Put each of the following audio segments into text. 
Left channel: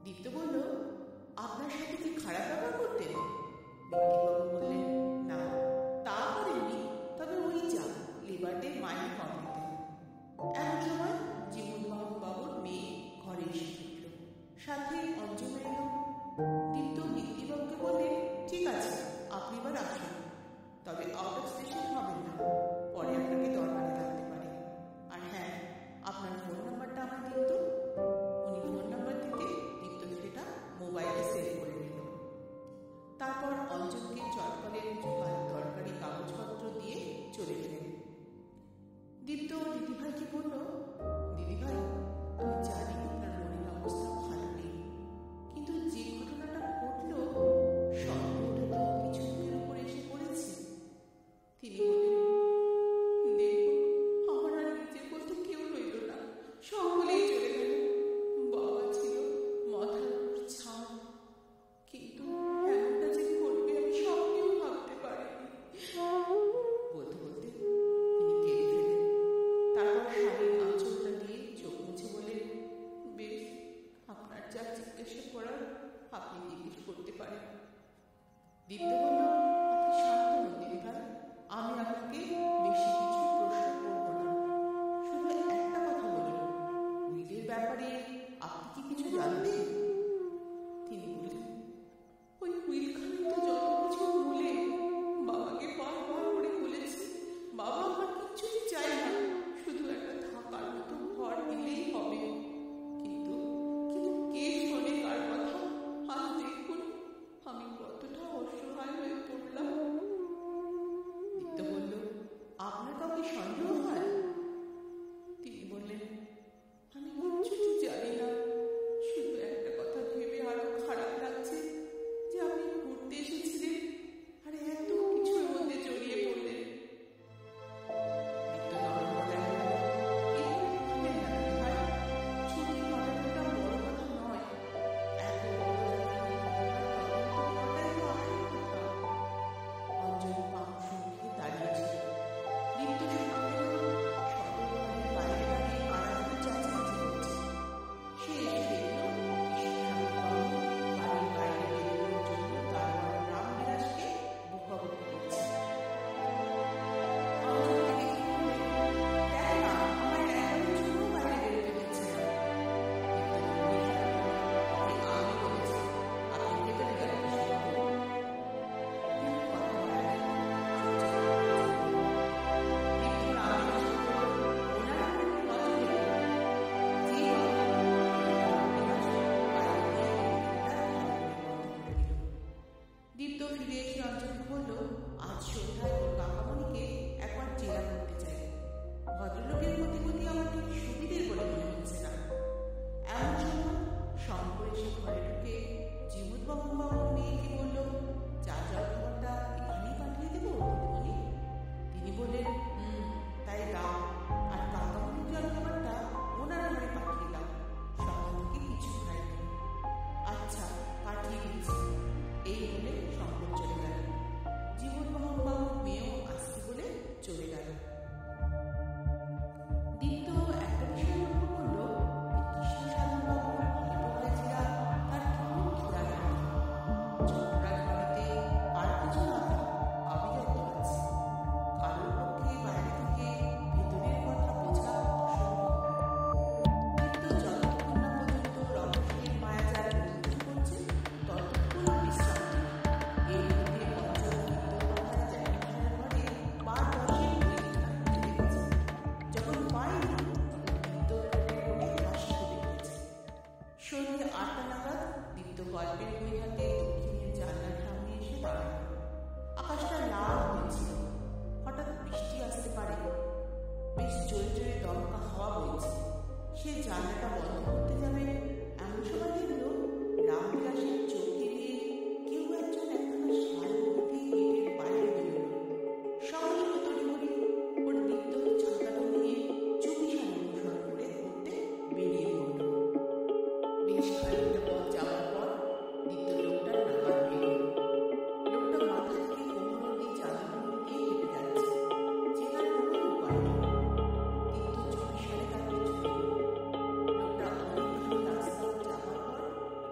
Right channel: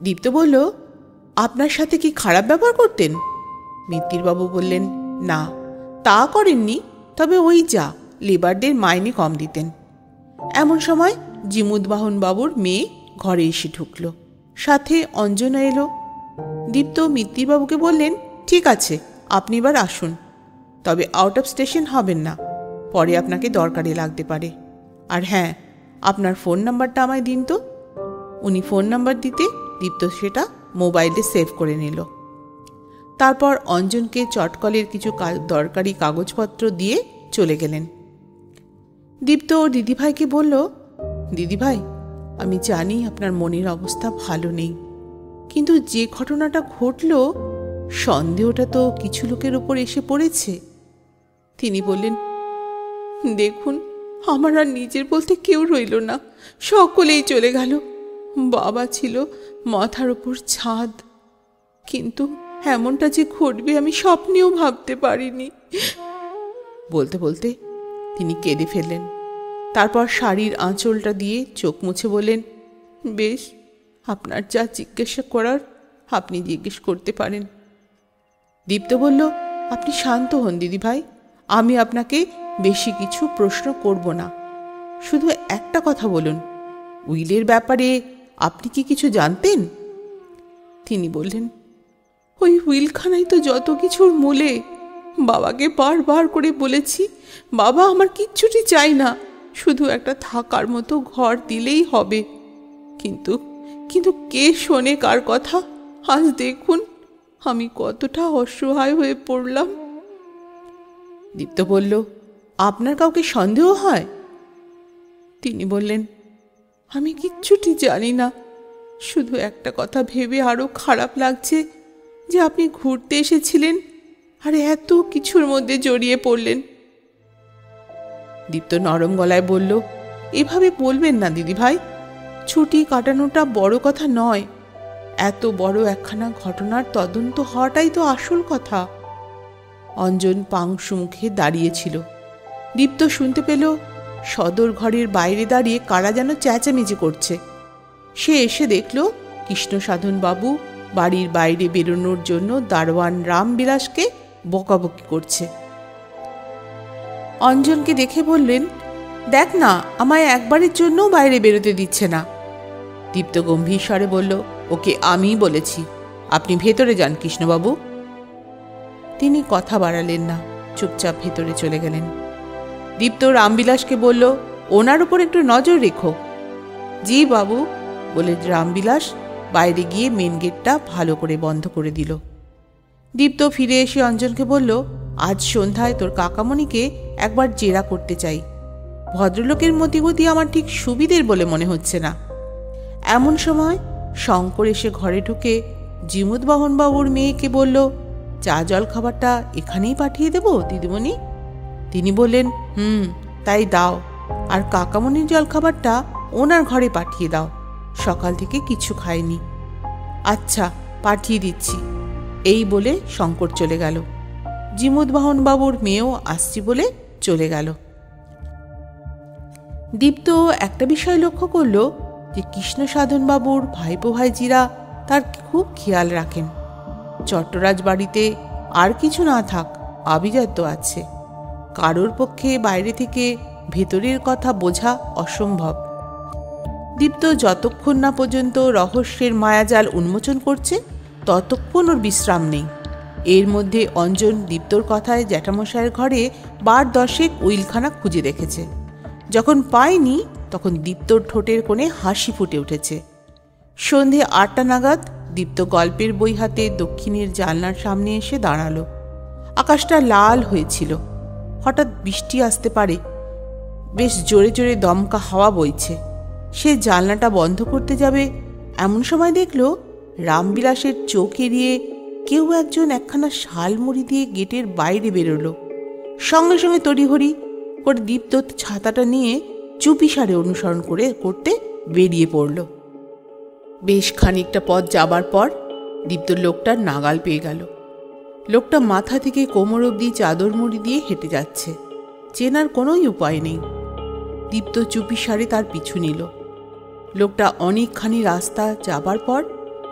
দীপ্ত বলল, আপনার সাথে কি খারাপ ব্যবহার করতেন? মিত্তিরবাবু বললেন, না তা করেননি, তবে ওই যা লেবারদের মাইনে কম দিতেন। এমন সময় জিমুদবাহন বাবুর মেয়ে ঘরে এসে ঢুকল, সাথে অঞ্জনা এলো। দীপ্ত মিত্তিরবাবুকে বললেন, ঠিক আছে, আপনি এবার আসুন, তবে আউট অফ স্টেশন হবেন না, পরে আপনাকে দরকারে লাগতে পারে। আর হ্যাঁ, আপনার ফোন নাম্বারটা আমায় দিন তো। উনি ফোন নাম্বার দিতে দীপ্ত সেটা মোবাইলে সেভ করে নিল। তারপর অঞ্জনকে চটকলের কিছু দরকারি কাগজপত্র দিয়ে চলে গেলেন। দীপ্ত ওর দিদিভাইকে বলল, দিদিভাই, আমি জানি আপনার মনের অবস্থা ভালো নেই, কিন্তু যে ঘটনাটা ঘটল সন্দেহটা তো কিছু লোকের ওপর এসে পড়েছে। তিনি বললেন, দেখুন, আমার আর নিজের বলতে কেউ রইল না, সকলেই চলে গেল। বাবা ছিল মাথার ওপর ছাদ, কিন্তু এমনটা যে ঘটবে আমি স্বপ্নেও ভাবতে পারিনি। বলতে বলতে তিনি কেঁদে ফেললেন। তারপর শাড়ির আঁচলটা দিয়ে চোখ মুছে বললেন, বেশ, আপনার যা জিজ্ঞাসা করার আপনি জিজ্ঞেস করতে পারেন। দীপ্ত বলল, আপনি শান্ত হন দিদিভাই, আমি আপনাকে বেশি কিছু প্রশ্ন করব না, শুধু একটা কথা বলুন, উইলের ব্যাপারে আপনি কি কিছু জানতেন? তিনি বললেন, ওই উইলখানাই তো যত কিছুর মূলে। বাবাকে বারবার করে বলেছি, বাবা, আমার কিচ্ছুটি চাই না, শুধু একটা থাকার মতো ঘর দিলেই হবে। কিন্তু কিন্তু কে শোনে কার কথা? আজ দেখুন আমি কতটা অসহায় হয়ে পড়লাম। দীপ্ত বলল, আপনার কাউকে সন্দেহ হয়? তিনি বললেন, আমি কিচ্ছুটি জানি না, শুধু একটা কথা ভেবে আরো খারাপ লাগছে যে আপনি ঘুরতে এসেছিলেন আর এত কিছুর মধ্যে জড়িয়ে পড়লেন। দীপ্ত নরম গলায় বলল, এভাবে বলবেন না দিদিভাই, ছুটি কাটানোটা বড় কথা নয়, এত বড় একখানা ঘটনার তদন্ত হওয়াটাই তো আসল কথা। অঞ্জন পাংশু মুখে দাঁড়িয়েছিল। দীপ্ত শুনতে পেল সদর ঘরের বাইরে দাঁড়িয়ে কারা যেন চেঁচামেচি করছে। সে এসে দেখল কৃষ্ণসাধন বাবু বাড়ির বাইরে বেরোনোর জন্য দারোয়ান রামবিলাসকে বকাবকি করছে। অঞ্জনকে দেখে বললেন, দেখ না, আমায় একবারের জন্যও বাইরে বেরোতে দিচ্ছে না। দীপ্ত গম্ভীর স্বরে বলল, ওকে আমিই বলেছি, আপনি ভেতরে যান কৃষ্ণবাবু। তিনি কথা বাড়ালেন না, চুপচাপ ভেতরে চলে গেলেন। দীপ্ত রামবিলাসকে বলল, ওনার উপর একটু নজর রেখো। জি বাবু, বলে রামবিলাস বাইরে গিয়ে মেন গেটটা ভালো করে বন্ধ করে দিল। দীপ্ত ফিরে এসে অঞ্জনকে বলল, আজ সন্ধ্যায় তোর কাকামণিকে একবার জেরা করতে চাই। ভদ্রলোকের মতিগতি আমার ঠিক সুবিধের বলে মনে হচ্ছে না। এমন সময় শঙ্কর এসে ঘরে ঢুকে জিমুদবাহন বাবুর মেয়েকে বলল, চা জল খাবারটা এখানেই পাঠিয়ে দেব দিদিমণি? তিনি বললেন, তাই দাও, আর কাকামণির জল খাবারটা ওনার ঘরে পাঠিয়ে দাও, সকাল থেকে কিছু খায়নি। আচ্ছা, পাঠিয়ে দিচ্ছি, এই বলে শঙ্কর চলে গেল। জিমুদবাহন বাবুর মেয়েও আসছি বলে চলে গেল। দীপ্ত একটা বিষয় লক্ষ্য করল যে কৃষ্ণসাধন বাবুর ভাইপো ভাইজিরা তার খুব খেয়াল রাখেন। চট্টরাজ বাড়িতে আর কিছু না থাক, আভিজাত্য আছে, কারোর পক্ষে বাইরে থেকে ভেতরের কথা বোঝা অসম্ভব। দীপ্ত যতক্ষণ না পর্যন্ত রহস্যের মায়াজাল উন্মোচন করছে ততক্ষণ ওর বিশ্রাম নেই। এর মধ্যে অঞ্জন দীপ্তর কথায় জ্যাঠামশায়ের ঘরে 10 উইলখানা খুঁজে দেখেছে। যখন পায়নি তখন দীপ্তর ঠোঁটের কোণে হাসি ফুটে উঠেছে। সন্ধে 8টা নাগাদ দীপ্ত গল্পের বই হাতে দক্ষিণের জানলার সামনে এসে দাঁড়ালো। আকাশটা লাল হয়েছিল, হঠাৎ বৃষ্টি আসতে পারে, বেশ জোরে জোরে দমকা হাওয়া বইছে। সে জানলাটা বন্ধ করতে যাবে, এমন সময় দেখল রামবিলাসের চোখ এড়িয়ে কেউ একজন একখানা শালমুড়ি দিয়ে গেটের বাইরে বেরোলো। সঙ্গে সঙ্গে তড়িঘড়ি করে দীপ্ত ছাতাটা নিয়ে চুপিসারে অনুসরণ করতে বেরিয়ে পড়ল। বেশ খানিকটা পথ যাবার পর দীপ্ত লোকটার নাগাল পেয়ে গেল। লোকটা মাথা থেকে কোমর অবধি চাদর মুড়ি দিয়ে হেঁটে যাচ্ছে, চেনার কোনোই উপায় নেই। দীপ্ত চুপিসারে তার পিছু নিল। লোকটা অনেকখানি রাস্তা যাবার পর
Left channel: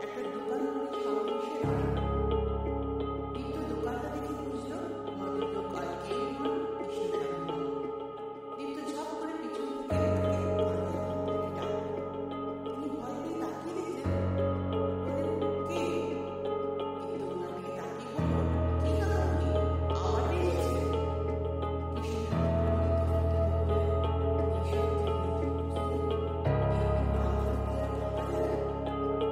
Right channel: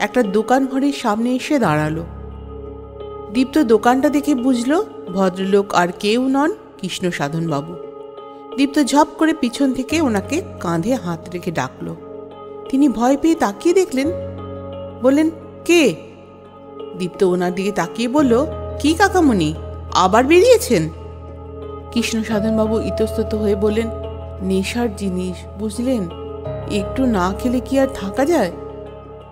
একটা দোকান ঘরের সামনে এসে দাঁড়ালো। দীপ্ত দোকানটা দেখে বুঝল ভদ্রলোক আর কেউ নন, কৃষ্ণসাধনবাবু। দীপ্ত ঝপ করে পিছন থেকে ওনাকে কাঁধে হাত রেখে ডাকল। তিনি ভয় পেয়ে তাকিয়ে দেখলেন, বললেন, কে? দীপ্ত ওনার দিকে তাকিয়ে বলল, কি কাকামণি, আবার বেরিয়েছেন? কৃষ্ণসাধনবাবু ইতস্তত হয়ে বললেন, নেশার জিনিস বুঝলেন, একটু না খেলে কি আর থাকা যায়?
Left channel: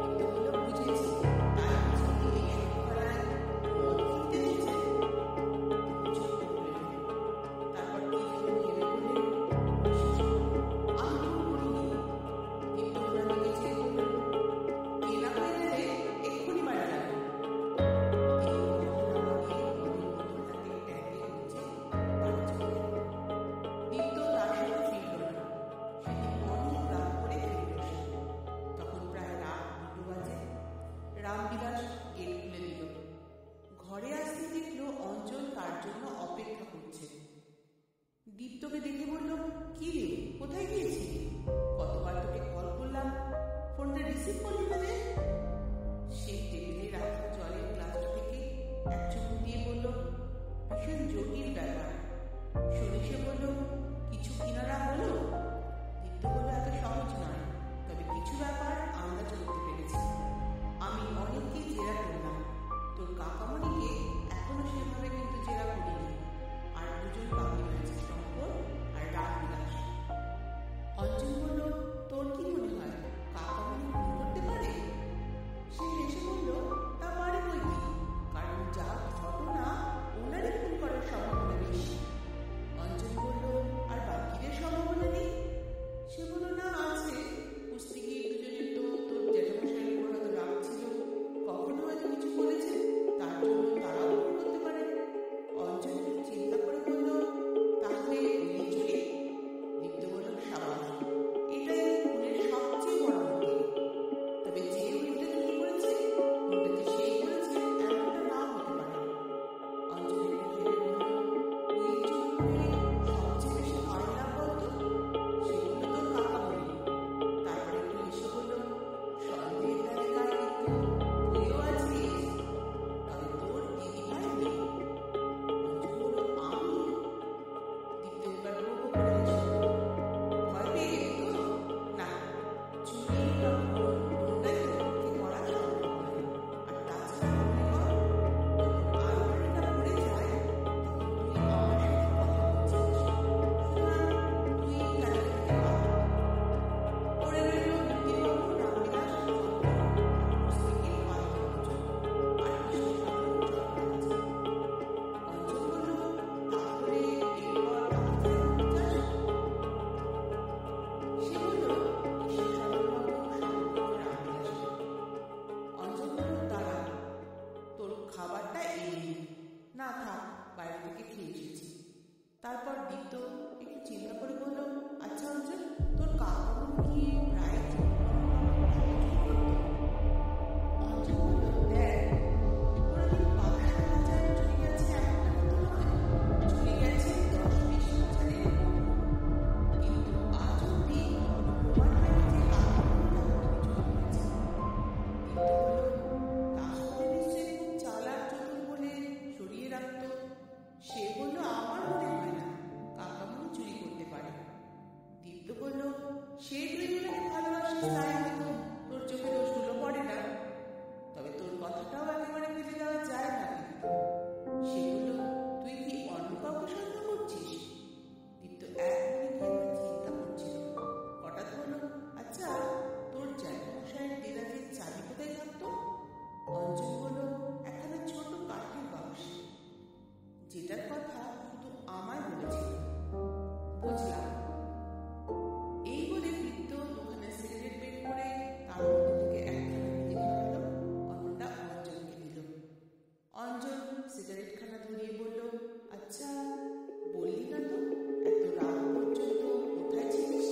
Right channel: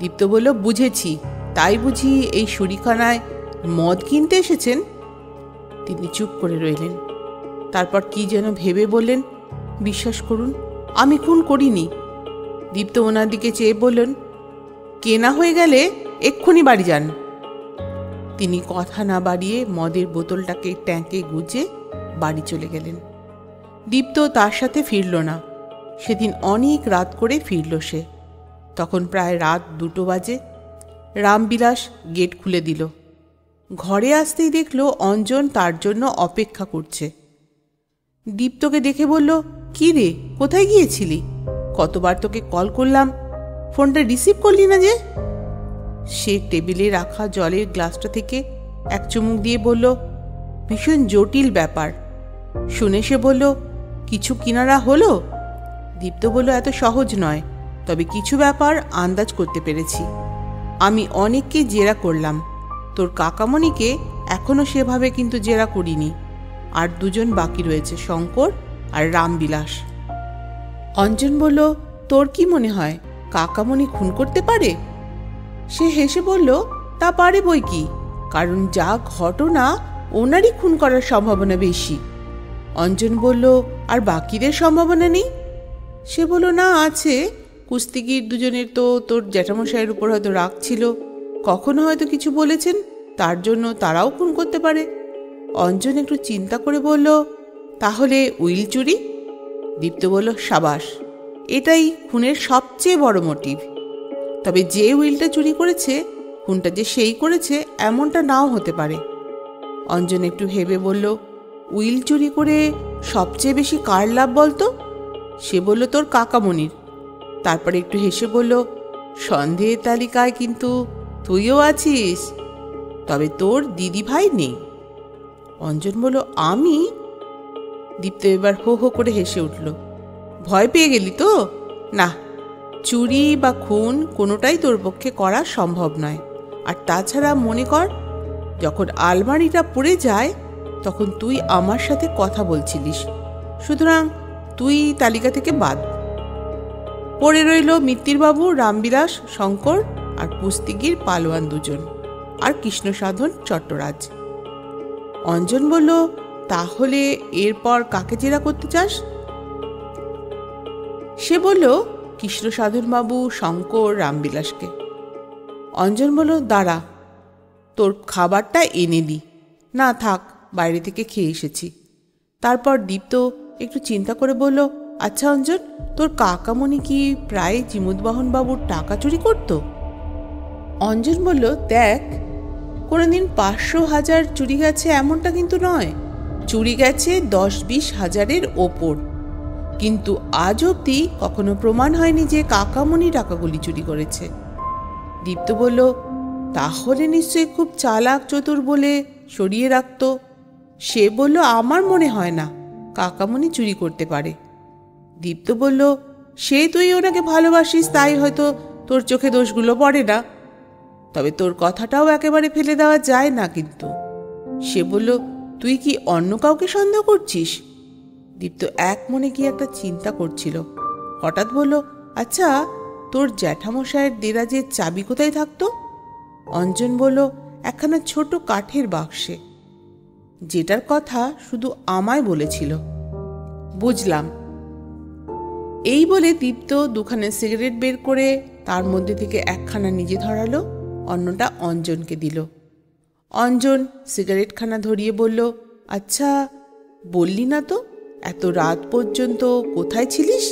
দীপ্ত বলল, বুঝেছি, তাই বুঝি এই শুরিখানায় মদ কিনতে এসেছেন? তিনি চুপ করে রইলেন। তারপর কি যেন ভেবে বললেন, বিশ্বাস করুন, আমি খুন করিনি। দীপ্ত ওনার দিকে চেয়ে বললেন, কেনা হয়ে গেলে এক্ষুনি বাড়ি যান। তিনি কথা না বাড়িয়ে মদের বোতলটাকে ট্যাঙ্কে গুজে বাড়ি চলে গেলেন। দীপ্ত তার সাথে ফিরল না। সেদিন অনেক রাত করে ফিরল সে। তখন প্রায় রাত 2টো বাজে। রামবিলাস গেট খুলে দিল। ঘরে আসতেই দেখল অঞ্জন তার জন্য অপেক্ষা করছে। দীপ্তকে দেখে বলল, কি রে, কোথায় গিয়েছিলি? কতবার তোকে কল করলাম, ফোনটা রিসিভ করলি না যে? সে টেবিলে রাখা জলের গ্লাসটা থেকে এক চুমুক দিয়ে বলল, ভীষণ জটিল ব্যাপার। শুনে সে বলল, কিছু কিনারা হলো? দীপ্ত বলল, এত সহজ নয়, তবে কিছু ব্যাপার আন্দাজ করতে পেরেছি। আমি অনেককে জেরা করলাম, তোর কাকামণিকে এখনো সেভাবে কিন্তু জেরা করিনি। আর 2জন বাকি রয়েছে, শঙ্কর আর রামবিলাস। অঞ্জন বলল, তোর কি মনে হয় কাকামণি খুন করতে পারে? সে হেসে বলল, তা পারে বই কি, কারণ যা ঘটনা ওনারই খুন করার সম্ভাবনা বেশি। অঞ্জন বলল, আর বাকিদের সম্ভাবনা নেই? সে বলল, না আছে। কুস্তিগির 2জনের তো তোর জ্যাঠামশাইয়ের উপর হয়তো রাগ ছিল, কখনো হয়তো কিছু বলেছেন, তার জন্য তারাও খুন করতে পারে। অঞ্জন একটু চিন্তা করে বলল, তাহলে উইল চুরি? দীপ্ত বলল, সাবাস, এটাই খুনের সবচেয়ে বড় মোটিভ। তবে যে উইলটা চুরি করেছে, খুনটা যে সেই করেছে এমনটা নাও হতে পারে। অঞ্জন একটু ভেবে বলল, উইল চুরি করে সবচেয়ে বেশি কার লাভ বলতো? সে বলল, তোর কাকামণির। তারপরে একটু হেসে বলল, সন্দেহের তালিকায় কিন্তু তুইও আছিস, তবে তোর দিদি ভাই নেই। অঞ্জন বলল, আমি? দীপ্ত এবার হো হো করে হেসে উঠল। ভয় পেয়ে গেলি তো? না, চুরি বা খুন কোনোটাই তোর পক্ষে করা সম্ভব নয়। আর তাছাড়া মনে কর, যখন আলমারিটা পড়ে যায় তখন তুই আমার সাথে কথা বলছিলিস, সুতরাং তুই তালিকা থেকে বাদ। পড়ে রইল মিত্তিরবাবু, রামবিলাস, শঙ্কর আর কুস্তিগির পালোয়ান 2জন, আর কৃষ্ণসাধন চট্টরাজ। অঞ্জন বলল, তাহলে এরপর কাকে জেরা করতে চাস? সে বলল, কৃষ্ণসাধনবাবু, শঙ্কর, রামবিলাসকে। অঞ্জন বলল, দাঁড়া, তোর খাবারটা এনে দি। না থাক, বাইরে থেকে খেয়ে এসেছি। তারপর দীপ্ত একটু চিন্তা করে বলল, আচ্ছা অঞ্জন, তোর কাকামণি কি প্রায় জিমুদবাহনবাবুর টাকা চুরি করত? অঞ্জন বলল, দেখ, কোনোদিন 500-1000 চুরি গেছে এমনটা কিন্তু নয়, চুরি গেছে 10-20 হাজারের ওপর। কিন্তু আজ অবধি কখনো প্রমাণ হয়নি যে কাকামণি টাকাগুলি চুরি করেছে। দীপ্ত বলল, তাহলে নিশ্চয়ই খুব চালাক চতুর বলে সরিয়ে রাখত। সে বলল, আমার মনে হয় না কাকামণি চুরি করতে পারে। দীপ্ত বলল, সে তুই ওনাকে ভালোবাসিস, তাই হয়তো তোর চোখে দোষগুলো পড়ে না, তবে তোর কথাটাও একেবারে ফেলে দেওয়া যায় না কিন্তু। সে বলল, তুই কি অন্য কাউকে সন্দেহ করছিস? দীপ্ত এক মনে কি একটা চিন্তা করছিল। হঠাৎ বলল, আচ্ছা, তোর জ্যাঠামশায়ের দেরাজের চাবি কোথায় থাকতো? অঞ্জন বলল, একখানা ছোট কাঠের বাক্সে, যেটার কথা শুধু আমায় বলেছিল। বুঝলাম। এই বলে দীপ্ত 2খানা সিগারেট বের করে তার মধ্যে থেকে একখানা নিজে ধরালো, অন্যটা অঞ্জনকে দিল। অঞ্জন সিগারেটখানা ধরিয়ে বলল, আচ্ছা, বললি না তো এত রাত পর্যন্ত কোথায় ছিলিস?